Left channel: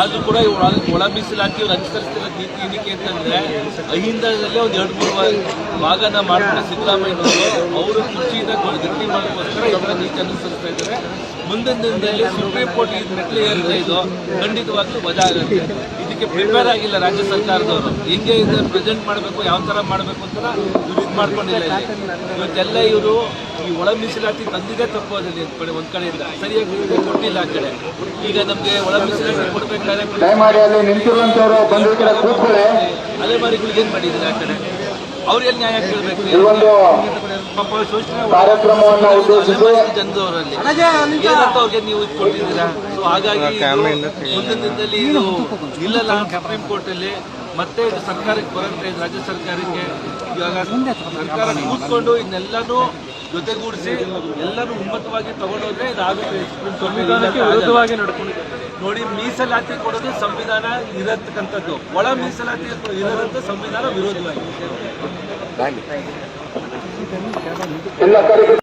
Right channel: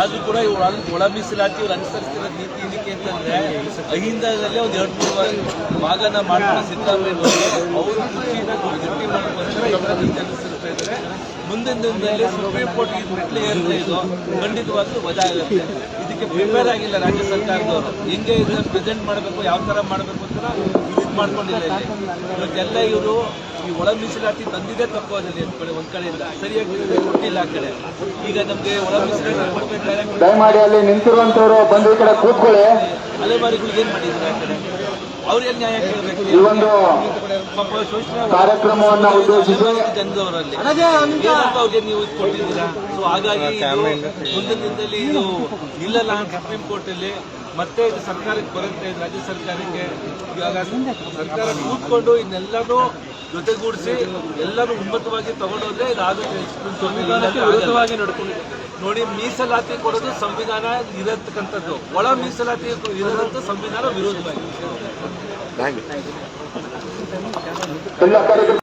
ಆದ್ರೂ ಕೂಡ ಒಳ ಮೀಸಲಾತಿ ಇವ್ರು ಅನುಸರಿಸ್ತಿರೋ ನೀತಿ ಏನಕ್ಕೆ ಅಂತಂದ್ರೆ ಅಹಿಂದದಲ್ಲೇ ಒಂದು 2-3 ಭಾಗನ ಮಾಡ್ಕೊಂಡು ಸಿದ್ದರಾಮಯ್ಯನವರು ಅವರು ಕುರ್ಚಿನ ಗಟ್ಟಿ ಮಾಡೋಕ್ಕೋಸ್ಕರ ಈ ತರ ನೀತಿ ಅನುಸರಿಸ್ತಾ ಇದ್ದಾರೆ. ಮುಂದಿನ ದಿನದಲ್ಲಿ ಸುಪ್ರೀಂ ಕೋರ್ಟ್ ಮೆಟ್ಲು ಏರಿದೆ ಇದು ಖಂಡಿತವಾಗ್ಲೂ ವಜಾ ಆಗುತ್ತೆ. ಇದಕ್ಕೆ ಪ್ರಿಪೇರ್ ಆಗಿಲ್ಲ ರಾಜ್ಯ ಸರ್ಕಾರದವರು. ಹೆಂಗೆ ಇದು ಪ್ರೆಸೆಂಟ್ ಮಾಡಬೇಕು, ಯಾವ ತರ ಮಾಡಬೇಕು ಅಂತ ಇವ್ರು ಇದು ಮಾಡ್ಕೊಂಡಿಲ್ಲ. ಇಲ್ಲಿ ಇವತ್ತೆಲ್ಲ ಇವರು ಈ ಒಳ ಮೀಸಲಾತಿ ತಂದಿದೆ ತಪ್ಪೋದಲ್ಲಿ ಒಂದ್ ಕಡೆಯಿಂದ ಸರಿಯಾಗಿ ಕೊಟ್ಟಿಲ್ಲ. ಆ ಕಡೆ ಈಗ ನಮ್ಗೆ ಒಳ ಮೀಸಲಾತಿ ಕೊಡ್ಬೇಕಾದ್ರೆ ಅಲೆಮಾರಿಗಳಿಗೆ ಏನ್ ಮಾಡಿದ್ರೆ ಆ ಕಡೆ ಅವ್ರಿಗೆ ನ್ಯಾಯ ಕೇಳಬೇಕು. ಪಾಪ ಶೋಷಣೆ ಅಲೆಮಾರಿ ಜನದವರಲ್ಲಿ ಏನಂತ ಅವ್ರಿಗೆ ನೀವು ಇದು ಕೊಟ್ಟಿದ್ದೀರಾ. ಸೊ ಹಾಗಾಗಿ ಮುಂದಿನ ದಿನದಲ್ಲಿ ಇದು ನಿಲ್ಲಲ್ಲ ಸುಪ್ರೀಂ ಕೋರ್ಟ್ ಅಲ್ಲಿ. ಮತ್ತೆ ಇದು ಸರ್ಕಾರಕ್ಕೆ ಬರುತ್ತೆ, ರಾಜ್ಯ ಸರ್ಕಾರಕ್ಕೆ. ಇವಾಗ ಸರ್ಕಾರ ಕೂತ್ಕೊಂಡು ಇದನ್ನೆಲ್ಲನೂ ಜೊತೆಗೂಡಿಸಿ ಎಲ್ಲರೂ ಉನ್ನತವಾಗಿ ತಗೊಂಡೋದ್ರೆ ಇದಾಗುತ್ತೆ. ಸುಪ್ರೀಂ ಕೋರ್ಟ್ ನೋಡಿ, ಮೀಸಲಾತಿ ಕೊಡೋದು ಸಂವಿಧಾನ ಇರತಕ್ಕಂಥದ್ದು, ಒಳ ಮೀಸಲಾತಿ ಇರೋದಂತ ಸಂವಿಧಾನ ವಿರೋಧವಾಗಿ.